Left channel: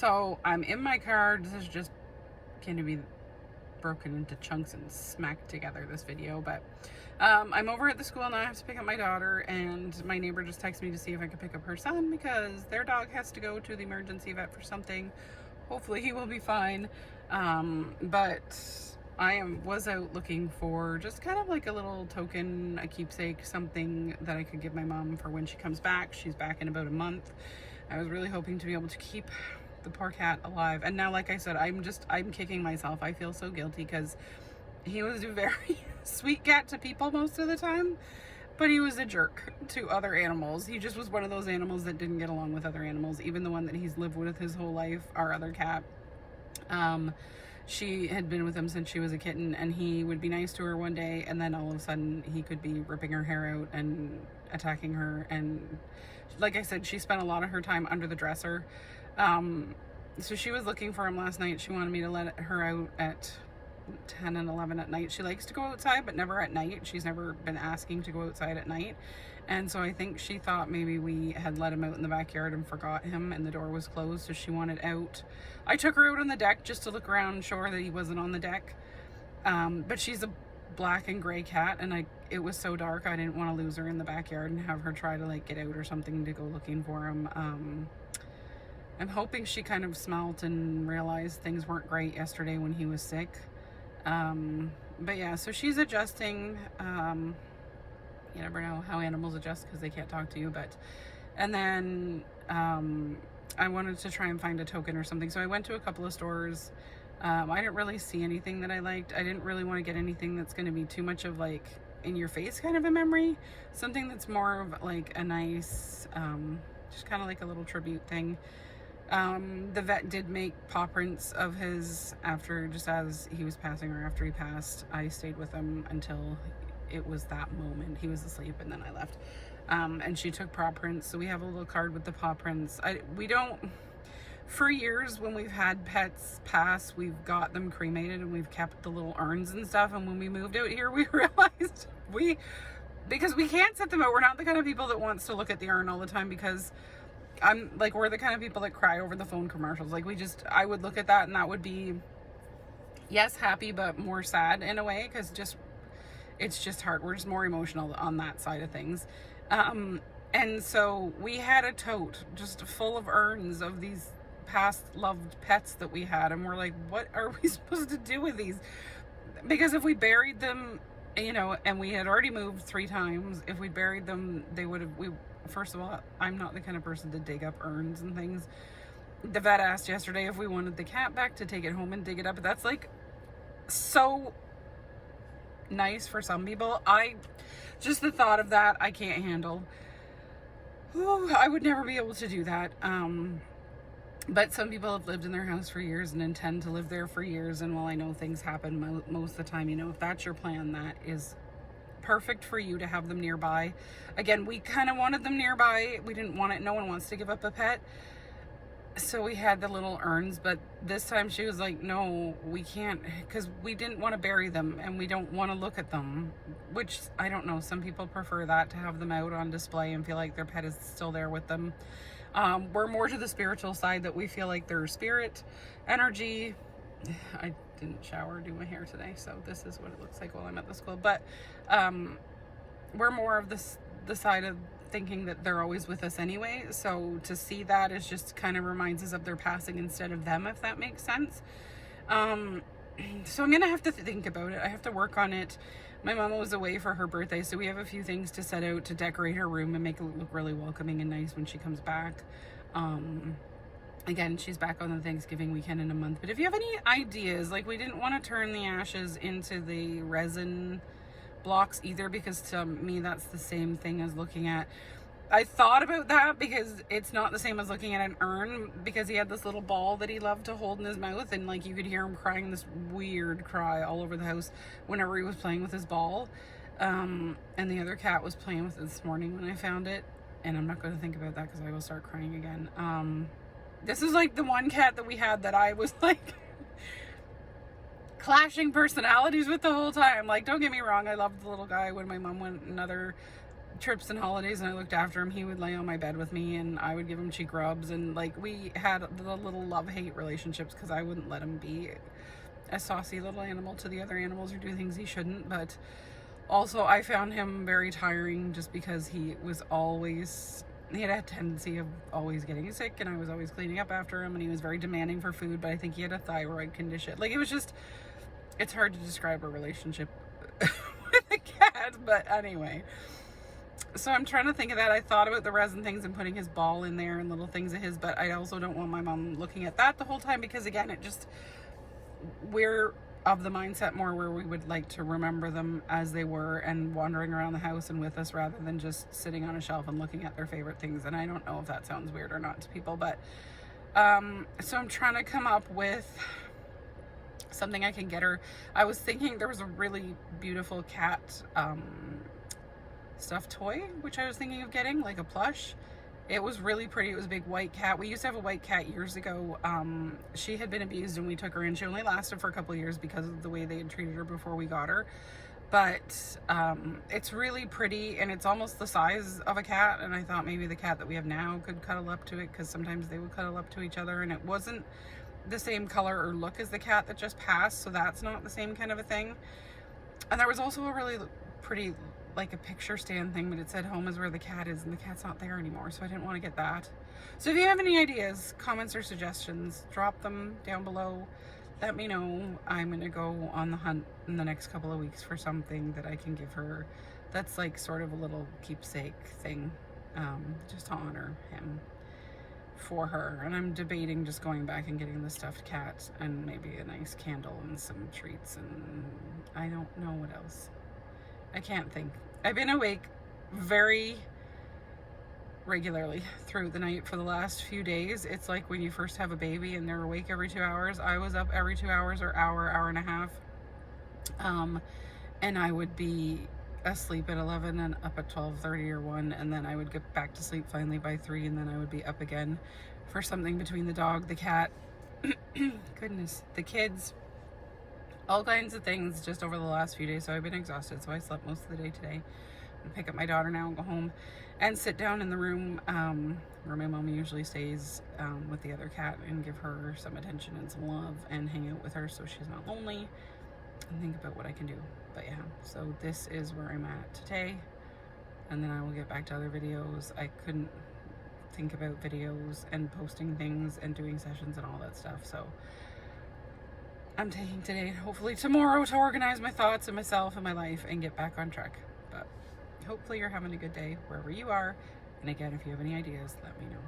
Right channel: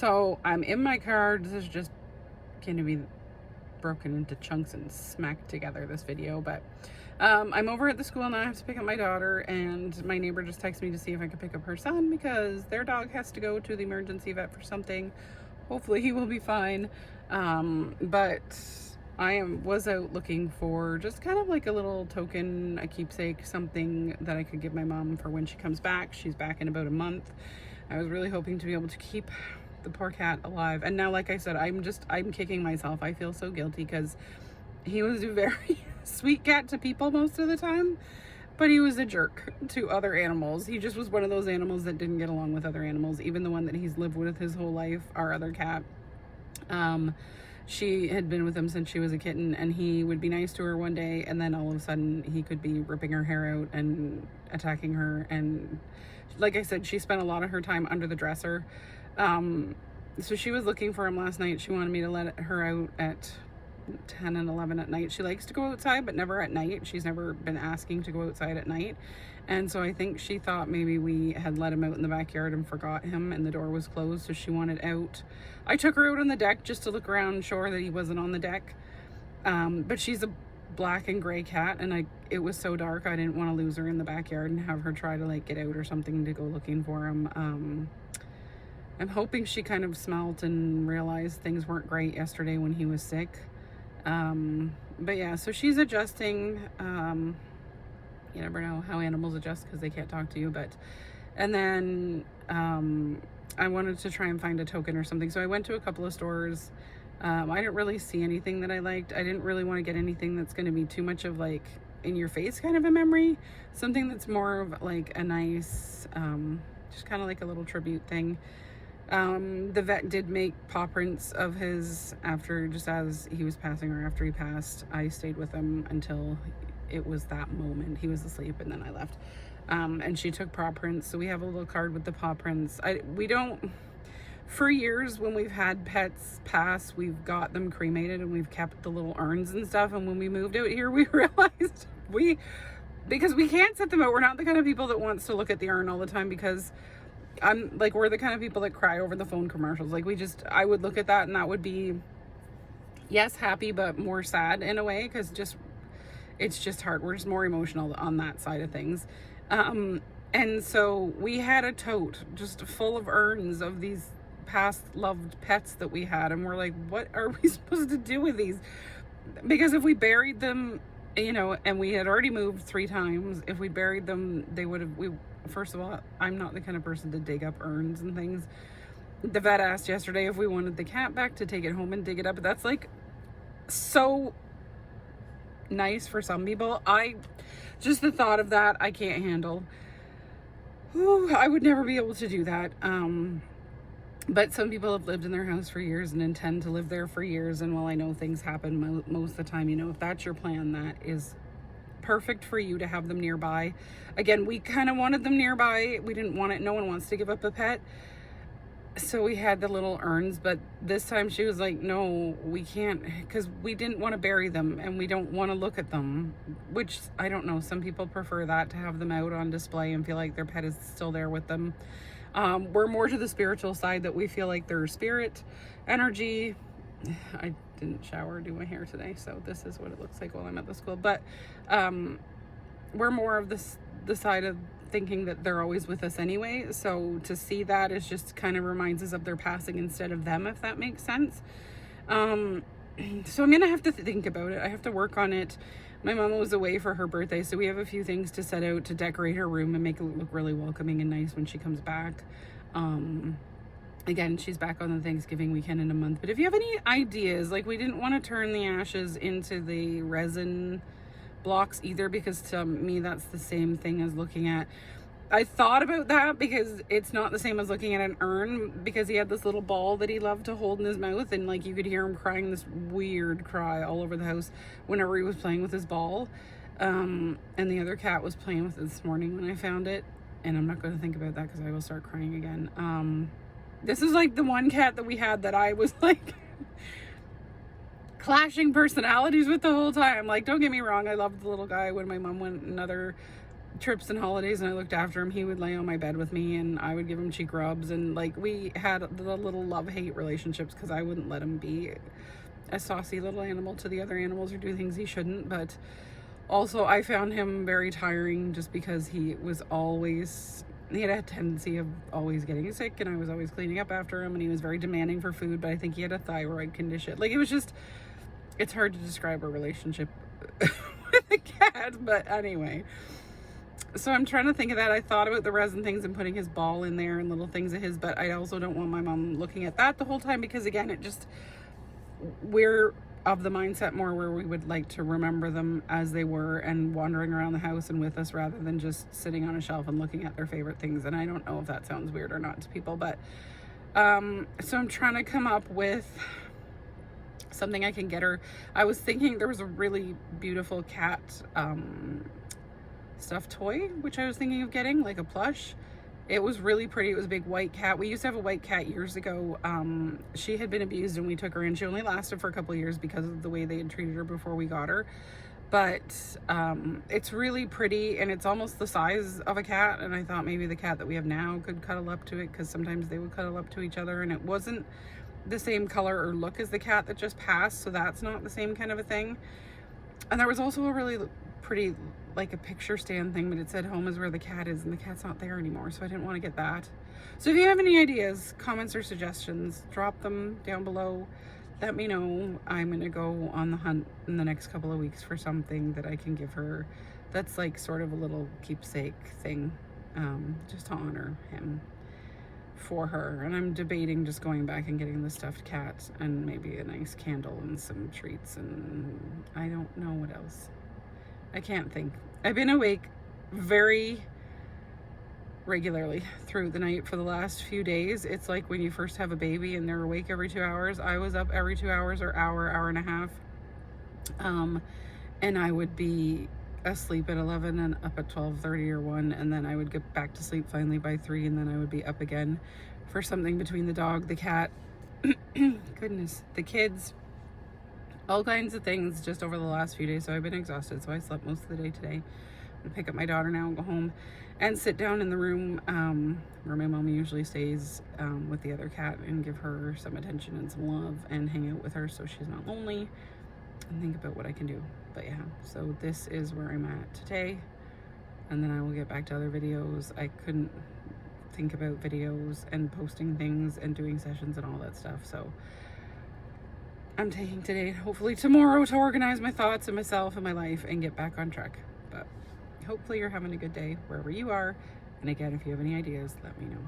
So I'm in my car. This is just going to be broken into chunks and smacked together, this video, but I'm over at the school now. I have to pick up my daughter, and my neighbor just texted me to see if I could pick up her son because their dog has to go to the emergency vet for something. Hopefully he will be fine. But I was out looking for just kind of like a little token, a keepsake, something that I could give my mom for when she comes back. She's back in about a month. I was really hoping to be able to keep the poor cat alive. And now, like I said, I'm kicking myself. I feel so guilty because he was a very sweet cat to people most of the time, but he was a jerk to other animals. He just was one of those animals that didn't get along with other animals. Even the one that he's lived with his whole life, our other cat, she had been with him since she was a kitten, and he would be nice to her one day, and then all of a sudden he could be ripping her hair out and attacking her. And like I said, she spent a lot of her time under the dresser. So she was looking for him last night. She wanted me to let her out at 10 and 11 at night. She likes to go outside, but never at night. She's never been asking to go outside at night. And so I think she thought maybe we had let him out in the backyard and forgot him, and the door was closed, so she wanted out. I took her out on the deck just to look around, sure that he wasn't on the deck. But she's a black and gray cat, and it was so dark I didn't want to lose her in the backyard and have her try to like get out or something to go looking for him. I'm hoping she kind of smelt and realized things weren't great yesterday when he was sick. But yeah, so she's adjusting. You never know how animals adjust because they can't talk to you, and then I wanted to try and find a token or something, so I went to a couple of stores. I didn't really see anything that I liked. I didn't really want to get anything that's going to be too much of like in your face kind of a memory, something that's more of like a nice, just kind of like a little tribute thing. The vet did make paw prints of his just as he was passing, or after he passed. I stayed with him until it was that moment. He was asleep and then I left. And she took paw prints. So we have a little card with the paw prints. We don't, for years when we've had pets pass, we've got them cremated and we've kept the little urns and stuff. And when we moved out here, we realized because we can't set them out. We're not the kind of people that wants to look at the urn all the time, because we're the kind of people that cry over the phone commercials. I would look at that and that would be, yes, happy, but more sad in a way, because it's just hard. We're just more emotional on that side of things. And so we had a tote just full of urns of these past loved pets that we had. And we're like, what are we supposed to do with these? Because if we buried them, and we had already moved 3 times, if we buried them, first of all, I'm not the kind of person to dig up urns and things. The vet asked yesterday if we wanted the cat back to take it home and dig it up. But that's like so nice for some people. Just the thought of that, I can't handle. Ooh, I would never be able to do that. But some people have lived in their house for years and intend to live there for years. And while I know things happen most of the time, if that's your plan, that is perfect for you to have them nearby. Again, we kind of wanted them nearby. We didn't want it. No one wants to give up a pet. So we had the little urns, but this time she was like, no, we can't, because we didn't want to bury them and we don't want to look at them, which I don't know. Some people prefer that, to have them out on display and feel like their pet is still there with them. We're more to the spiritual side, that we feel like their spirit energy. I didn't shower or do my hair today, so this is what it looks like while I'm at the school. But we're more of the side of thinking that they're always with us anyway. So to see that is just kind of reminds us of their passing instead of them, if that makes sense. So I'm gonna have to think about it. I have to work on it. My mom was away for her birthday, so we have a few things to set out to decorate her room and make it look really welcoming and nice when she comes back. Again, she's back on the Thanksgiving weekend in a month. But if you have any ideas, we didn't want to turn the ashes into the resin blocks either, because to me that's the same thing as looking at, I thought about that because it's not the same as looking at an urn, because he had this little ball that he loved to hold in his mouth, and you could hear him crying this weird cry all over the house whenever he was playing with his ball. And the other cat was playing with it this morning when I found it, and I'm not going to think about that because I will start crying again. This is the one cat that we had that I was clashing personalities with the whole time. Don't get me wrong, I loved the little guy. When my mom went another trips and holidays and I looked after him, he would lay on my bed with me and I would give him cheek rubs, and like we had the little love-hate relationships because I wouldn't let him be a saucy little animal to the other animals or do things he shouldn't. But also I found him very tiring just because he had a tendency of always getting sick, and I was always cleaning up after him, and he was very demanding for food, but I think he had a thyroid condition. Like, it's hard to describe a relationship with a cat, but anyway. So I'm trying to think of that. I thought about the resin things and putting his ball in there and little things of his, but I also don't want my mom looking at that the whole time because, again, we're of the mindset more where we would like to remember them as they were and wandering around the house and with us rather than just sitting on a shelf and looking at their favorite things. And I don't know if that sounds weird or not to people, but so I'm trying to come up with something I can get her. I was thinking there was a really beautiful cat stuffed toy, which I was thinking of getting, like a plush. It was really pretty. It was a big white cat. We used to have a white cat years ago. She had been abused and we took her in. She only lasted for a couple of years because of the way they had treated her before we got her. But it's really pretty and it's almost the size of a cat. And I thought maybe the cat that we have now could cuddle up to it because sometimes they would cuddle up to each other, and it wasn't the same color or look as the cat that just passed. So that's not the same kind of a thing. And there was also a really pretty, like a picture stand thing, but it said home is where the cat is, and the cat's not there anymore, so I didn't want to get that. So if you have any ideas, comments, or suggestions, drop them down below. Let me know. I'm gonna go on the hunt in the next couple of weeks for something that I can give her that's like sort of a little keepsake thing, just to honor him for her. And I'm debating just going back and getting the stuffed cat and maybe a nice candle and some treats, and I don't know what else. I can't think. I've been awake very regularly through the night for the last few days. It's like when you first have a baby and they're awake every 2 hours. I was up every 2 hours or hour and a half. And I would be asleep at 11 and up at 12:30 or 1, and then I would get back to sleep finally by 3, and then I would be up again for something between the dog, the cat, goodness, the kids, all kinds of things just over the last few days. So I've been exhausted, so I slept most of the day today. I'm gonna pick up my daughter now and go home and sit down in the room where my mom usually stays with the other cat and give her some attention and some love and hang out with her so she's not lonely and think about what I can do. But yeah, so this is where I'm at today, and then I will get back to other videos. I couldn't think about videos and posting things and doing sessions and all that stuff, so I'm taking today, hopefully tomorrow, to organize my thoughts and myself and my life and get back on track. But hopefully you're having a good day wherever you are. And again, if you have any ideas, let me know.